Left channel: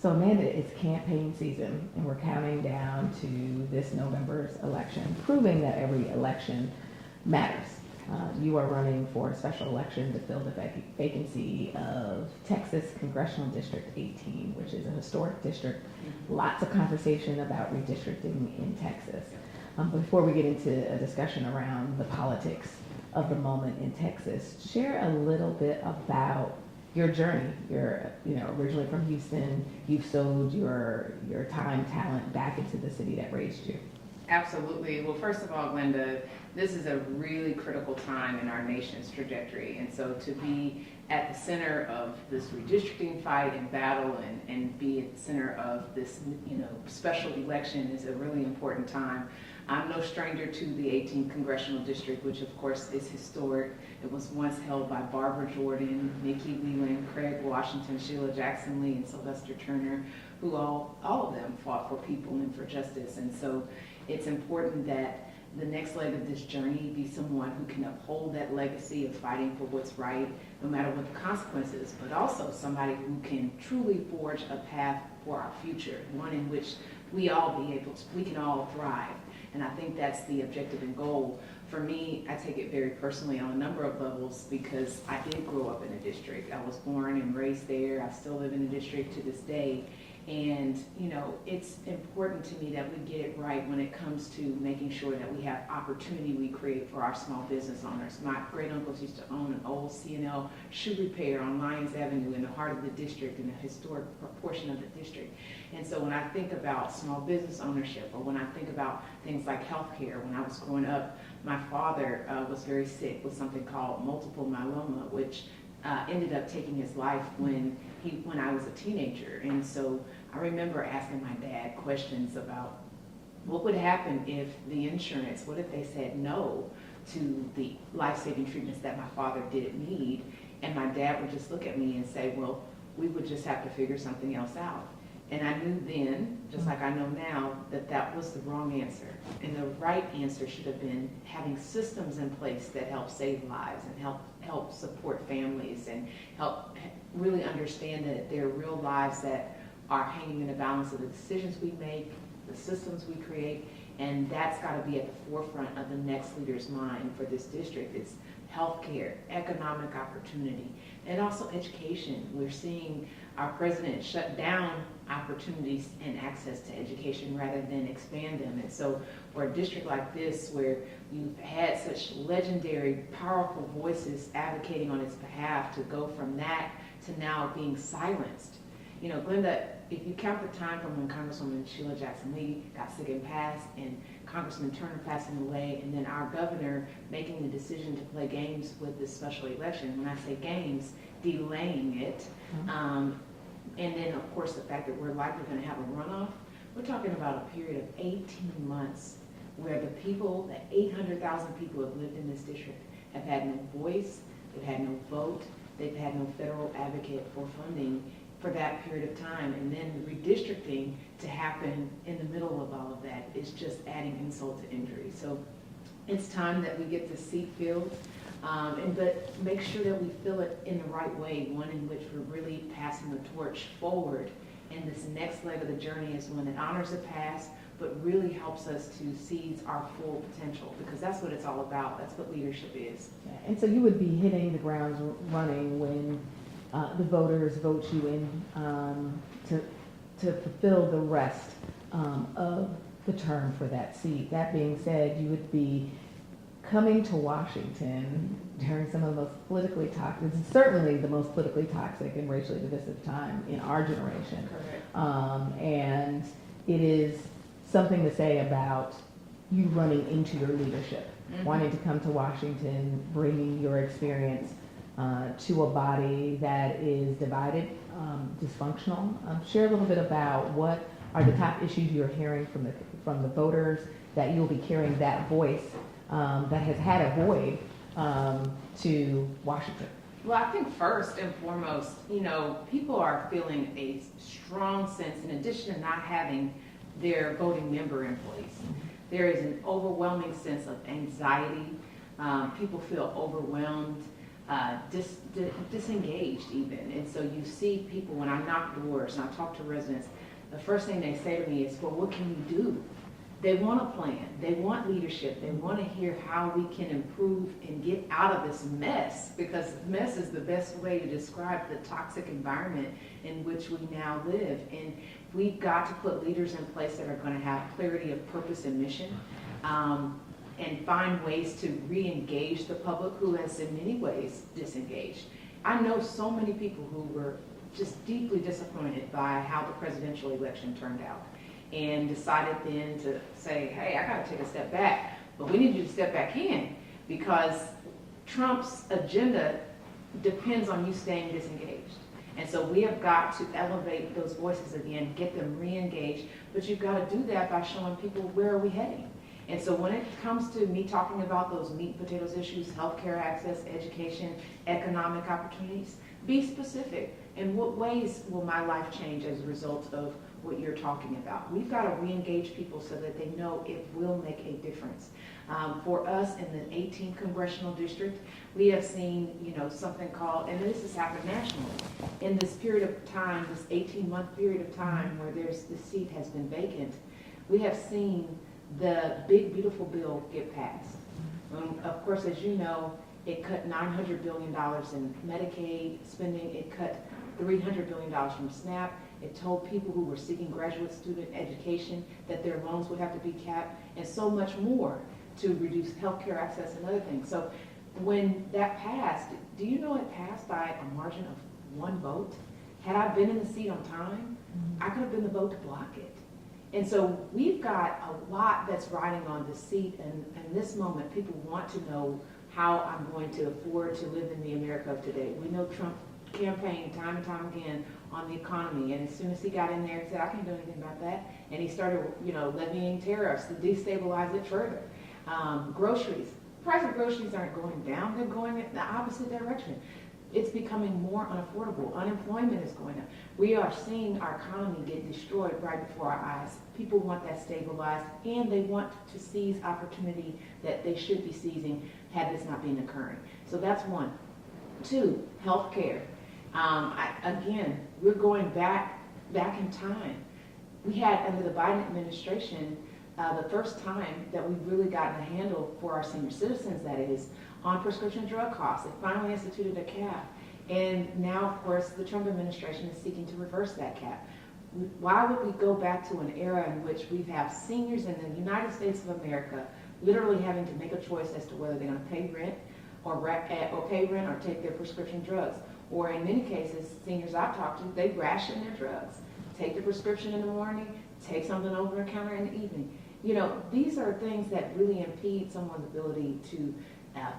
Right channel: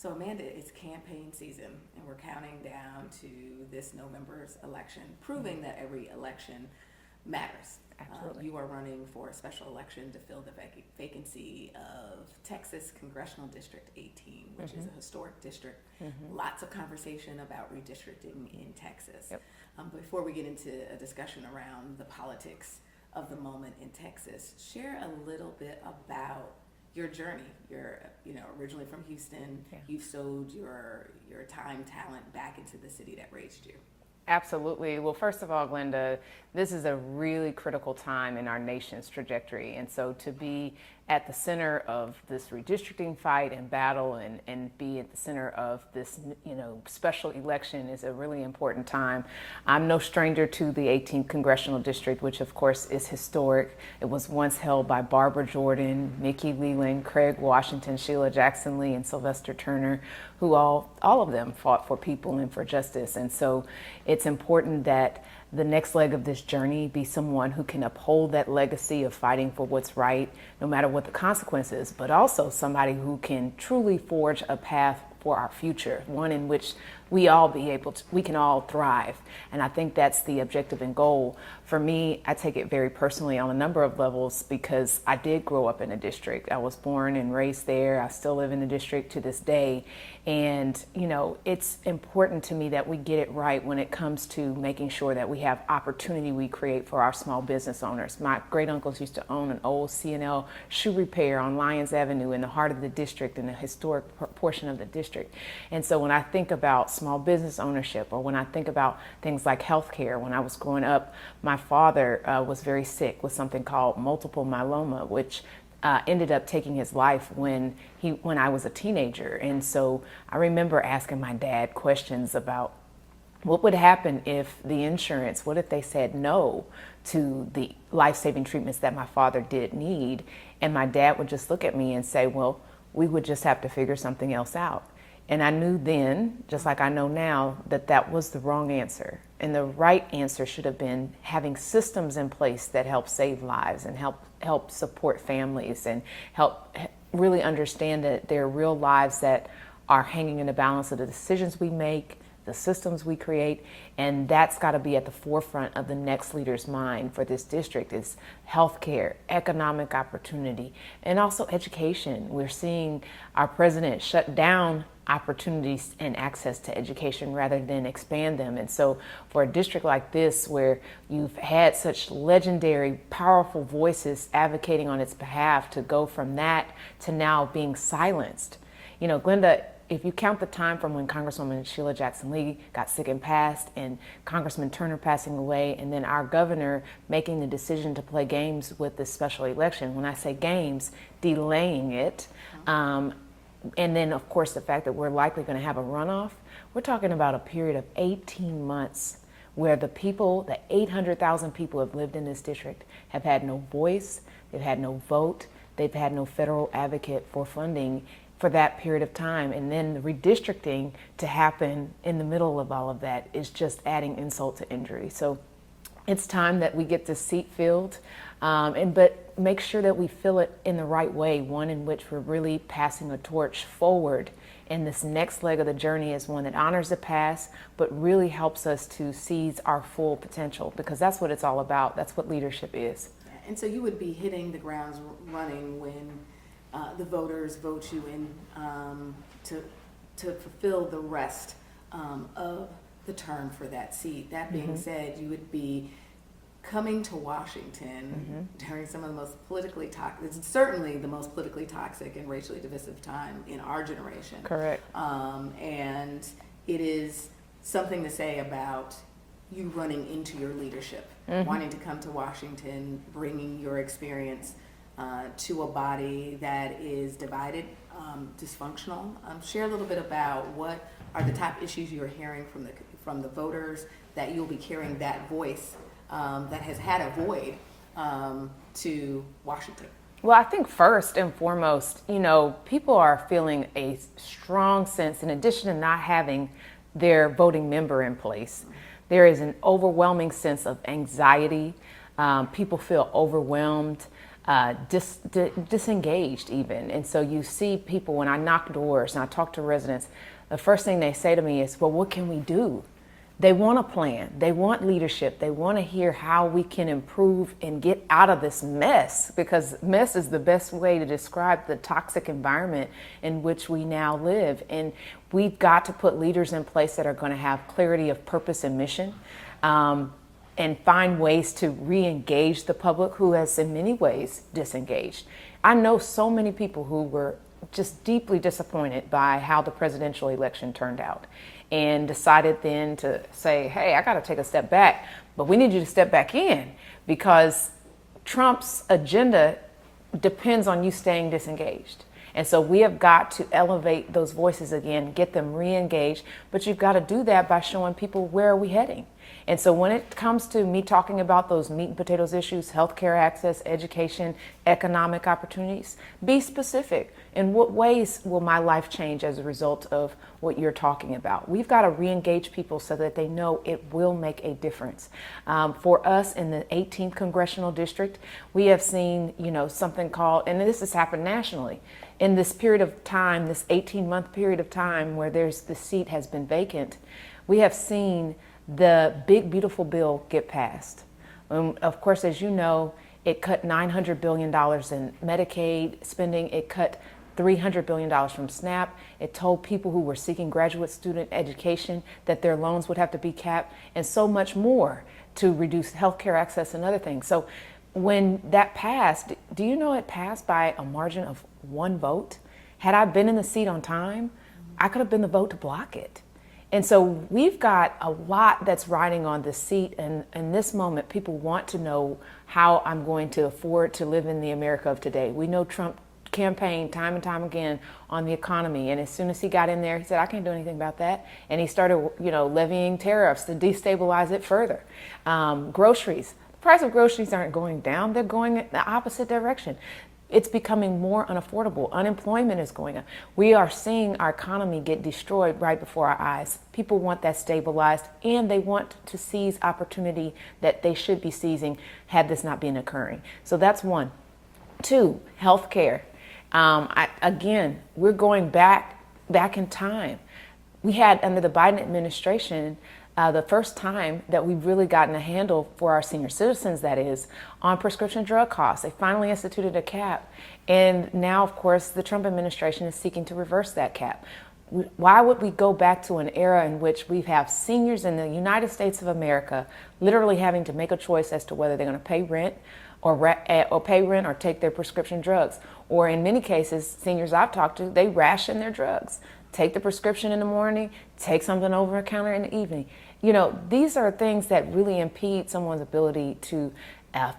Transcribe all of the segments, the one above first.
So Amanda, it's campaign season and we're counting down to this November's election, proving that every election matters. You are running for a special election to fill the vacancy of Texas Congressional District 18, which is a historic district. Lots of conversation about redistricting in Texas. Before we get into a discussion around the politics of the moment in Texas, share a little bit about your journey. You're, originally from Houston. You've sowed your time, talent back into the city that raised you. Absolutely. Well, first of all, Glenda, this is a really critical time in our nation's trajectory. And so to be at the center of this redistricting fight and battle and be at the center of this, special election is a really important time. I'm no stranger to the 18th Congressional District, which of course is historic. It was once held by Barbara Jordan, Mickey Leland, Craig Washington, Sheila Jackson Lee, and Sylvester Turner, who all of them fought for people and for justice. And so it's important that the next leg of this journey be someone who can uphold that legacy of fighting for what's right, no matter what the consequences, but also somebody who can truly forge a path for our future, one in which we can all thrive. And I think that's the objective and goal. For me, I take it very personally on a number of levels because I did grow up in a district. I was born and raised there. I still live in the district to this day. And, it's important to me that we get it right when it comes to making sure that we have opportunity we create for our small business owners. My great uncles used to own an old C&L shoe repair on Lyons Avenue in the heart of the district, in the historic portion of the district. And so when I think about small business ownership, or when I think about things like healthcare, when I was growing up, my father was very sick with something called multiple myeloma, which ended up taking his life when I was a teenager. And so I remember asking my dad questions about what would happen if the insurance, what if they said no to the life-saving treatments that my father did need? And my dad would just look at me and say, well, we would just have to figure something else out. And I knew then, just like I know now, that was the wrong answer. And the right answer should have been having systems in place that help save lives and help support families and help really understand that there are real lives that are hanging in the balance of the decisions we make, the systems we create, and that's got to be at the forefront of the next leader's mind for this district is healthcare, economic opportunity, and also education. We're seeing our president shut down opportunities and access to education rather than expand them. And so for a district like this, where you've had such legendary, powerful voices advocating on its behalf, to go from that to now being silenced. Glenda, if you count the time from when Congresswoman Sheila Jackson Lee got sick and passed, and Congressman Turner passing away, and then our governor making the decision to play games with this special election, when I say games, delaying it, and then of course the fact that we're likely going to have a runoff, we're talking about a period of 18 months where the 800,000 people who have lived in this district have had no voice, they've had no vote, they've had no federal advocate for funding for that period of time. And then the redistricting to happen in the middle of all of that is just adding insult to injury. So it's time that we get this seat filled, but make sure that we fill it in the right way, one in which we're really passing a torch forward. And this next leg of the journey is one that honors the past, but really helps us to seize our full potential, because that's what it's all about. That's what leadership is. Yeah. And so you would be hitting the ground running when the voters vote you in to fulfill the rest of the term for that seat. That being said, you would be coming to Washington during some of the most politically toxic, certainly the most politically toxic and racially divisive time in our generation. Correct. And it is something to say about you running into your leadership, wanting to come to Washington, bringing your experience to a body that is divided, dysfunctional. Share a little bit about what are the top issues you're hearing from the voters, that you'll be carrying that voice that has had a void to Washington. Well, I think first and foremost, people are feeling a strong sense, in addition to not having their voting member in place, there is an overwhelming sense of anxiety. People feel overwhelmed. disengaged even. And so you see people, when I knock doors and I talk to residents, the first thing they say to me is, well, what can we do? They want a plan. They want leadership. They want to hear how we can improve and get out of this mess, because mess is the best way to describe the toxic environment in which we now live. And we've got to put leaders in place that are going to have clarity of purpose and mission, and find ways to re-engage the public who has in many ways disengaged. I know so many people who were just deeply disappointed by how the presidential election turned out, and decided then to say, hey, I got to take a step back, but we need you to step back in, because Trump's agenda depends on you staying disengaged. And so we have got to elevate those voices again, get them re-engaged, but you've got to do that by showing people where are we heading. And so when it comes to me talking about those meat and potatoes issues, healthcare access, education, economic opportunities, be specific. In what ways will my life change as a result of what you're talking about? We've got to re-engage people so that they know it will make a difference. For us in the 18th Congressional District, we have seen, something called, and this has happened nationally, in this period of time, this 18-month period of time where the seat has been vacant, we have seen the big, beautiful bill get passed. Of course, as you know, it cut $900 billion in Medicaid spending. It cut $300 billion from SNAP. It told people who were seeking graduate student education that their loans would have to be capped, and so much more to reduce healthcare access and other things. So when that passed, do you know it passed by a margin of 1 vote? Had I been in the seat on time, I could have been the vote to block it. And so we've got a lot that's riding on the seat, and in this moment, people want to know how I'm going to afford to live in the America of today. We know Trump campaigned time and time again on the economy, and as soon as he got in there, he said, I can't do anything about that. And he started, levying tariffs to destabilize it further. Groceries. The price of groceries aren't going down, they're going in the opposite direction. It's becoming more unaffordable. Unemployment is going up. We are seeing our economy get destroyed right before our eyes. People want that stabilized, and they want to seize opportunity that they should be seizing had this not been occurring. So that's one. 2, healthcare. Again, we're going back in time. We had, under the Biden administration, the first time that we've really gotten a handle for our senior citizens, that is, on prescription drug costs. They finally instituted a cap. And now, of course, the Trump administration is seeking to reverse that cap. Why would we go back to an era in which we have seniors in the United States of America literally having to make a choice as to whether they're going to pay rent or take their prescription drugs? Or in many cases, seniors I've talked to, they ration their drugs. Take the prescription in the morning, take something over the counter in the evening. These are things that really impede someone's ability to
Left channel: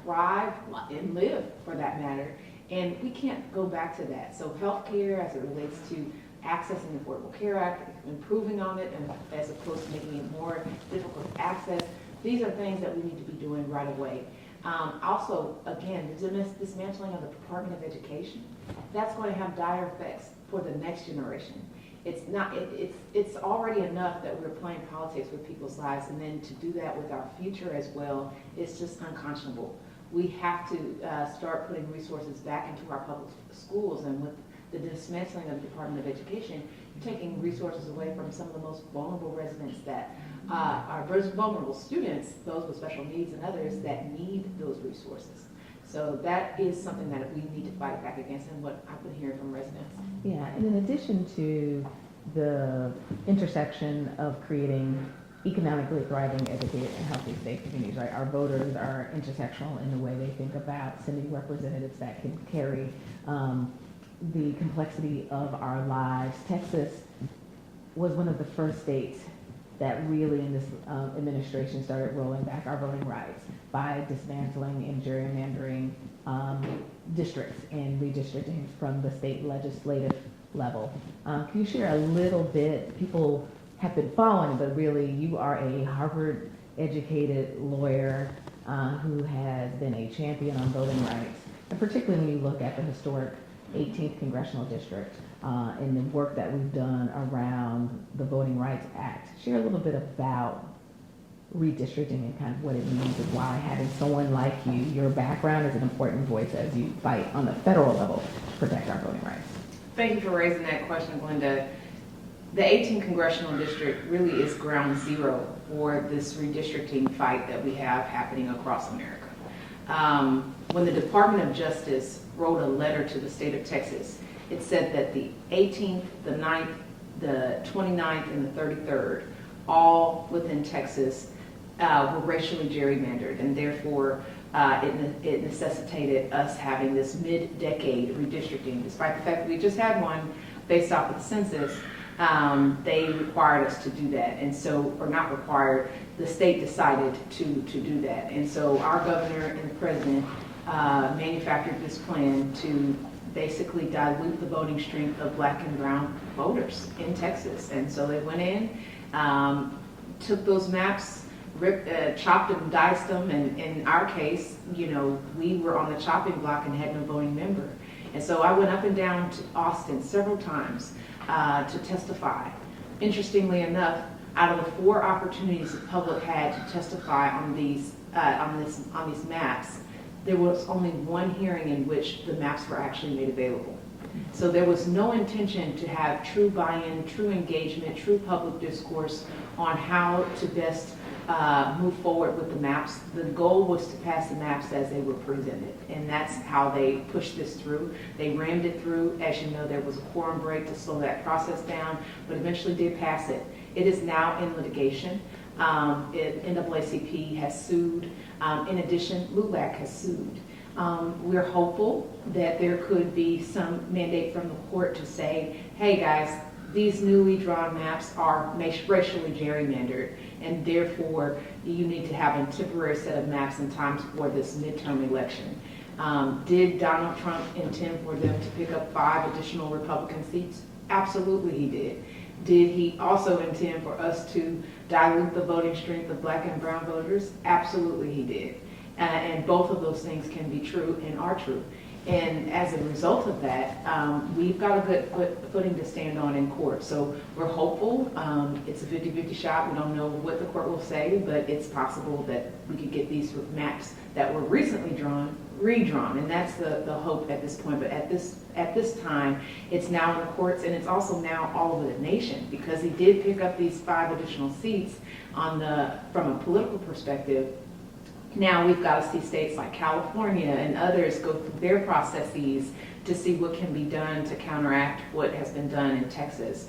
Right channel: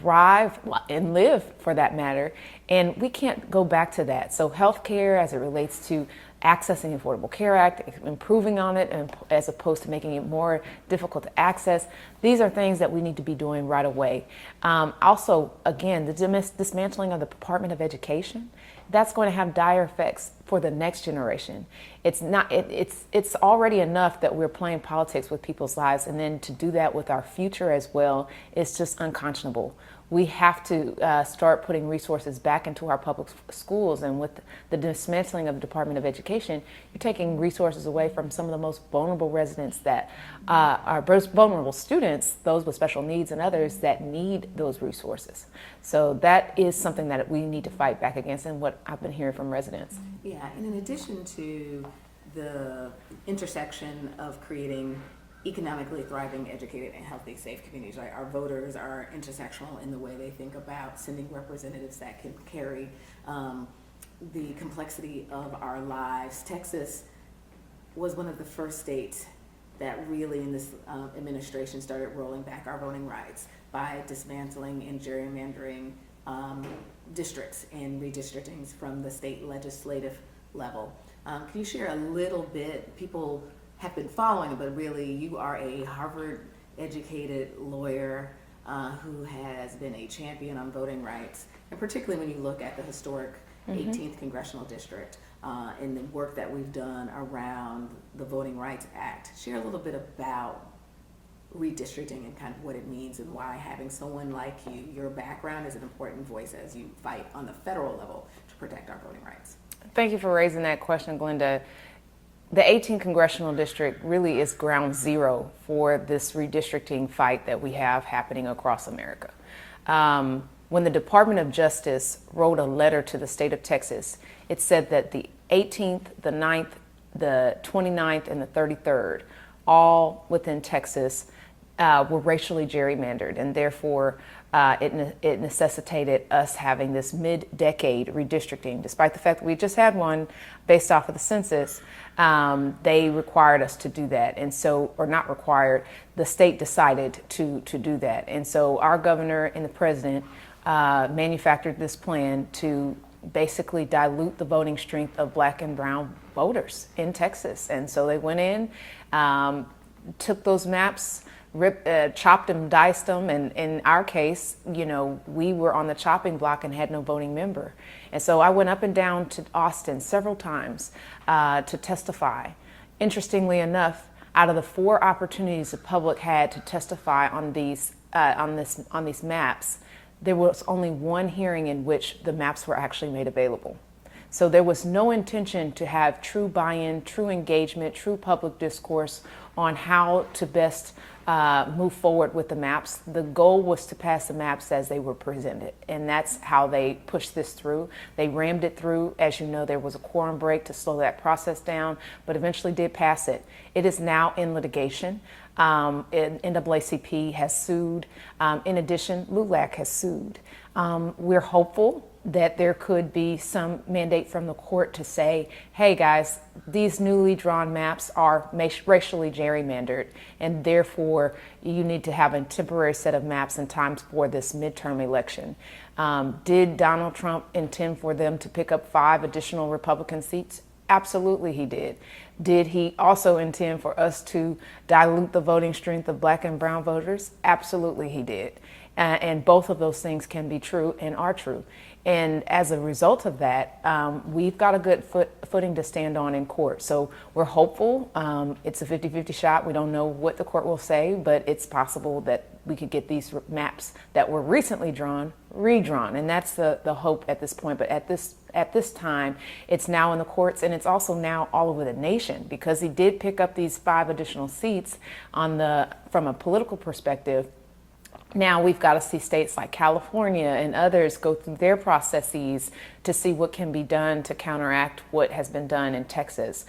thrive and live, for that matter. And we can't go back to that. So healthcare, as it relates to accessing the Affordable Care Act, improving on it, as opposed to making it more difficult to access, these are things that we need to be doing right away. Also, again, the dismantling of the Department of Education, that's going to have dire effects for the next generation. It's already enough that we're playing politics with people's lives, and then to do that with our future as well is just unconscionable. We have to start putting resources back into our public schools, and with the dismantling of the Department of Education, you're taking resources away from some of the most vulnerable residents that are vulnerable students, those with special needs and others that need those resources. So that is something that we need to fight back against, and what I've been hearing from residents. Yeah, and in addition to the intersection of creating economically thriving, educated, and healthy, safe communities, right? Our voters are intersectional in the way they think about sending representatives that can carry the complexity of our lives. Texas was one of the first states that really in this administration started rolling back our voting rights by dismantling and gerrymandering districts and redistricting from the state legislative level. Can you share a little bit? People have been following, but really you are a Harvard educated lawyer who has been a champion on voting rights, and particularly when you look at the historic 18th Congressional District and the work that we've done around the Voting Rights Act. Share a little bit about redistricting and kind of what it means and why having someone like you, your background is an important voice as you fight on the federal level to protect our voting rights. Thank you for raising that question, Glenda. The 18th Congressional District really is ground zero for this redistricting fight that we have happening across America. When the Department of Justice wrote a letter to the state of Texas, it said that the 18th, the 9th, the 29th, and the 33rd, all within Texas, were racially gerrymandered, and therefore it necessitated us having this mid-decade redistricting. Despite the fact that we just had one based off of the census, they required us to do that, and so, or not required, the state decided to do that. And so our governor and the president manufactured this plan to basically dilute the voting strength of Black and brown voters in Texas. And so they went in, took those maps, chopped and diced them, and in our case, you know, we were on the chopping block and had no voting member. And so I went up and down to Austin several times to testify. Interestingly enough, out of the 4 opportunities the public had to testify on these maps, there was only one hearing in which the maps were actually made available. So there was no intention to have true buy-in, true engagement, true public discourse on how to best move forward with the maps. The goal was to pass the maps as they were presented, and that's how they pushed this through. They rammed it through. As you know, there was a quorum break to slow that process down, but eventually did pass it. It is now in litigation. NAACP has sued. In addition, LULAC has sued. We're hopeful that there could be some mandate from the court to say, hey guys, these newly drawn maps are racially gerrymandered, and therefore you need to have a temporary set of maps and times for this midterm election. Did Donald Trump intend for them to pick up 5 additional Republican seats? Absolutely he did. Did he also intend for us to dilute the voting strength of Black and brown voters? Absolutely he did. And both of those things can be true and are true. And as a result of that, we've got a good footing to stand on in court. So we're hopeful. It's a 50-50 shot. We don't know what the court will say, but it's possible that we could get these maps that were recently drawn, redrawn. And that's the hope at this point. But at this time, it's now in the courts, and it's also now all over the nation, because he did pick up these 5 additional seats from a political perspective. Now we've got to see states like California and others go through their processes to see what can be done to counteract what has been done in Texas.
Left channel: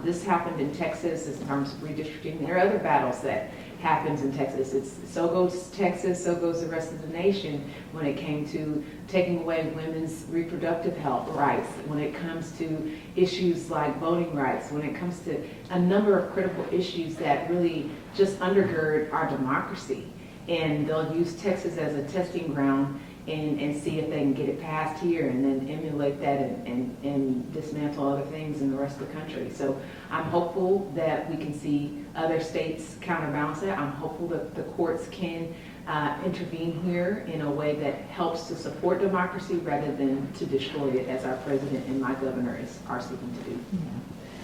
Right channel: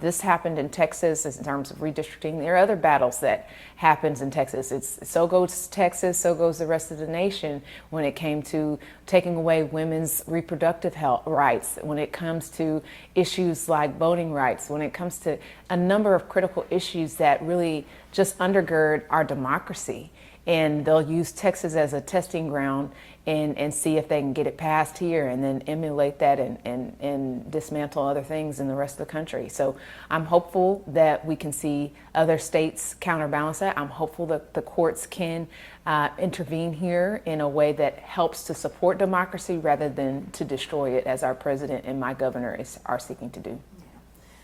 This happened in Texas in terms of redistricting. There are other battles that happens in Texas. So goes Texas, so goes the rest of the nation when it came to taking away women's reproductive health rights, when it comes to issues like voting rights, when it comes to a number of critical issues that really just undergird our democracy. And they'll use Texas as a testing ground and see if they can get it passed here, and then emulate that and dismantle other things in the rest of the country. So I'm hopeful that we can see other states counterbalance that. I'm hopeful that the courts can intervene here in a way that helps to support democracy rather than to destroy it, as our president and my governor are seeking to do. Yeah.